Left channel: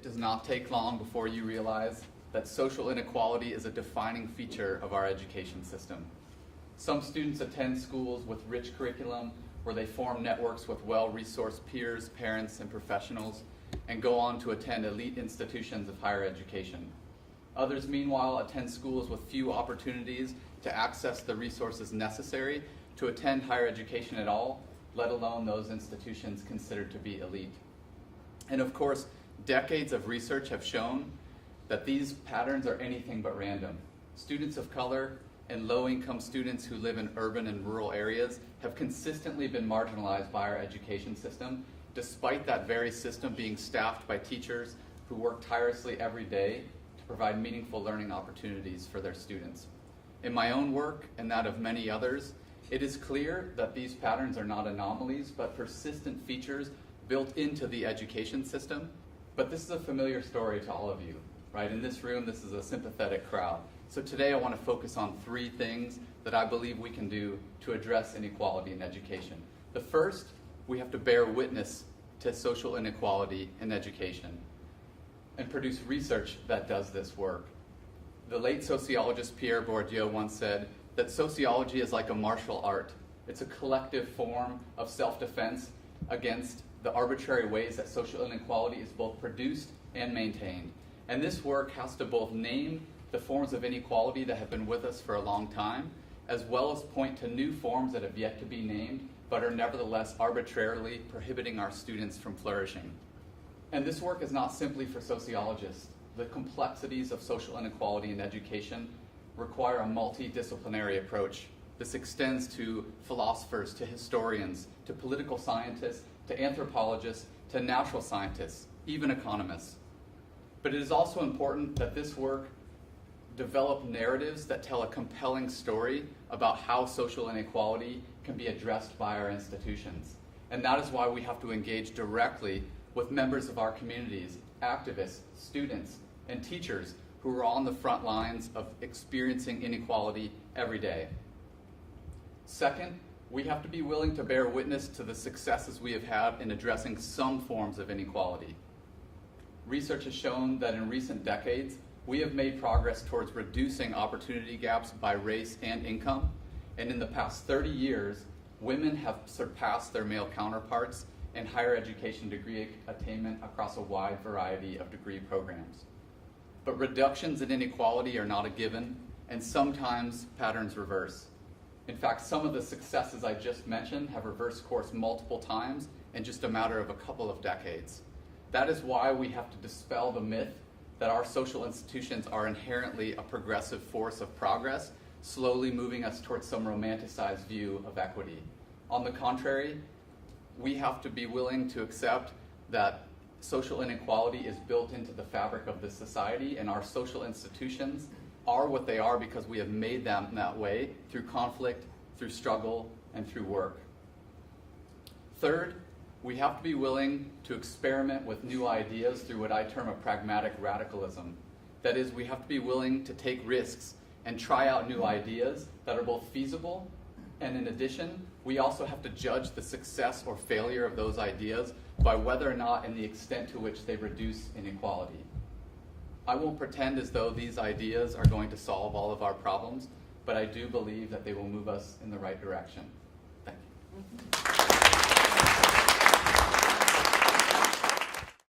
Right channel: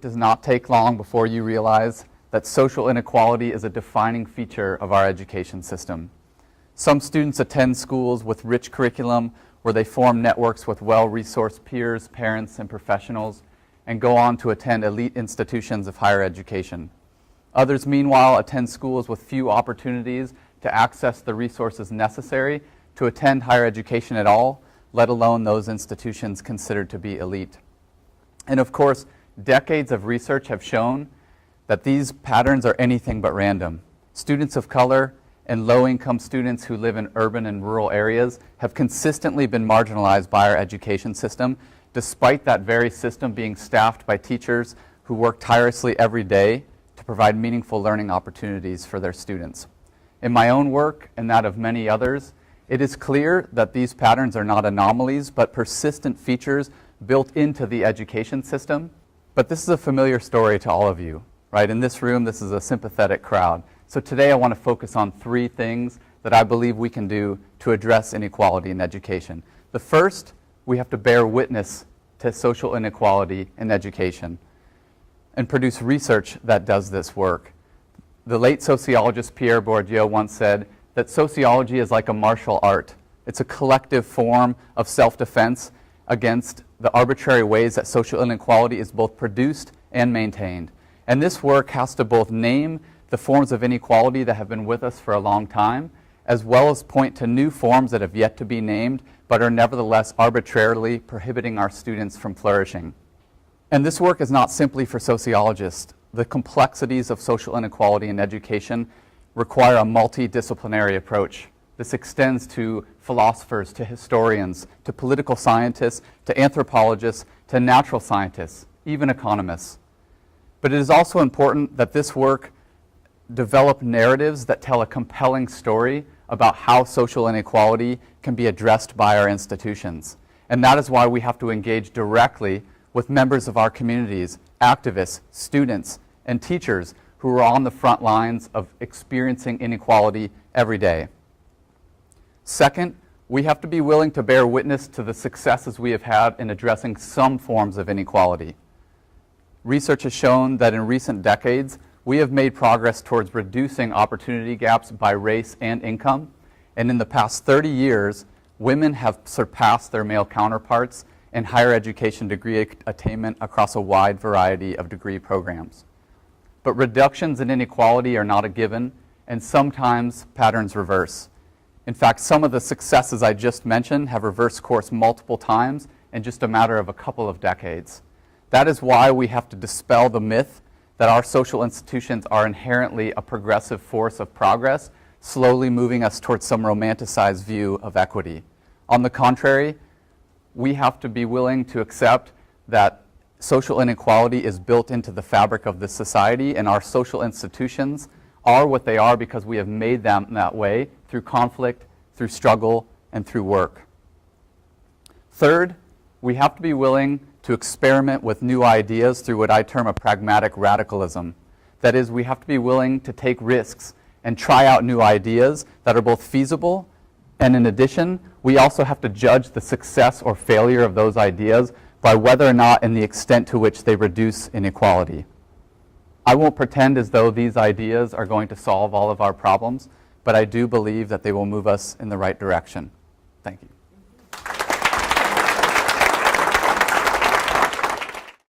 It does not take long before you realize that social inequality is a defining feature of our education system. Some students attend schools with rich curriculum where they form networks with well-resourced peers, parents, and professionals, and go on to attend elite institutions of higher education. Others, meanwhile, attend schools with few opportunities to access the resources necessary to attend higher education at all, let alone those institutions considered to be elite. And of course, decades of research have shown that these patterns are anything but random. Students of color and low-income students who live in urban and rural areas have consistently been marginalized by our education system, despite that very system being staffed by teachers who work tirelessly every day to provide meaningful learning opportunities for their students. In my own work and that of many others, it is clear that these patterns are not anomalies, but persistent features built into the education system. But this is a familiar story to all of you, right? In this room, this is a sympathetic crowd. So today I want to focus on 3 things that I believe we can do to address inequality in education. The first, we have to bear witness to social inequality in education and produce research that does this work. The late sociologist Pierre Bourdieu once said that sociology is like a martial art. It's a collective form of self-defense against the arbitrary ways that social inequality is both produced and maintained. And this work has to both name the forms of inequality that have been with us for a long time, as well as point to new forms that have yet to be named, but are nevertheless arbitrarily prohibiting our students from flourishing. And this work is not simply for sociologists. The complexities of social inequality in education require a multidisciplinary approach. This extends to philosophers, to historians, to political scientists, to anthropologists, to natural scientists, even economists. But it is also important that this work develop narratives that tell a compelling story about how social inequality can be addressed by our institutions. And that is why we have to engage directly with members of our communities, activists, students, and teachers who are on the front lines of experiencing inequality every day. Second, we have to be willing to bear witness to the successes we have had in addressing some forms of inequality. Research has shown that in recent decades, we have made progress towards reducing opportunity gaps by race and income. And in the past 30 years, women have surpassed their male counterparts in higher education degree attainment across a wide variety of degree programs. But reductions in inequality are not a given, and sometimes patterns reverse. In fact, some of the successes I just mentioned have reversed course multiple times in just a matter of a couple of decades. That is why we have to dispel the myth that our social institutions are inherently a progressive force of progress, slowly moving us towards some romanticized view of equity. On the contrary, we have to be willing to accept that social inequality is built into the fabric of this society, and our social institutions are what they are because we have made them that way through conflict, through struggle, and through work. Third, we have to be willing to experiment with new ideas through what I term a pragmatic radicalism. That is, we have to be willing to take risks and try out new ideas that are both feasible, and in addition, we also have to judge the success or failure of those ideas by whether or not and the extent to which they reduce inequality. I won't pretend as though these ideas are going to solve all of our problems, but I do believe that they will move us in the right direction. Thank you.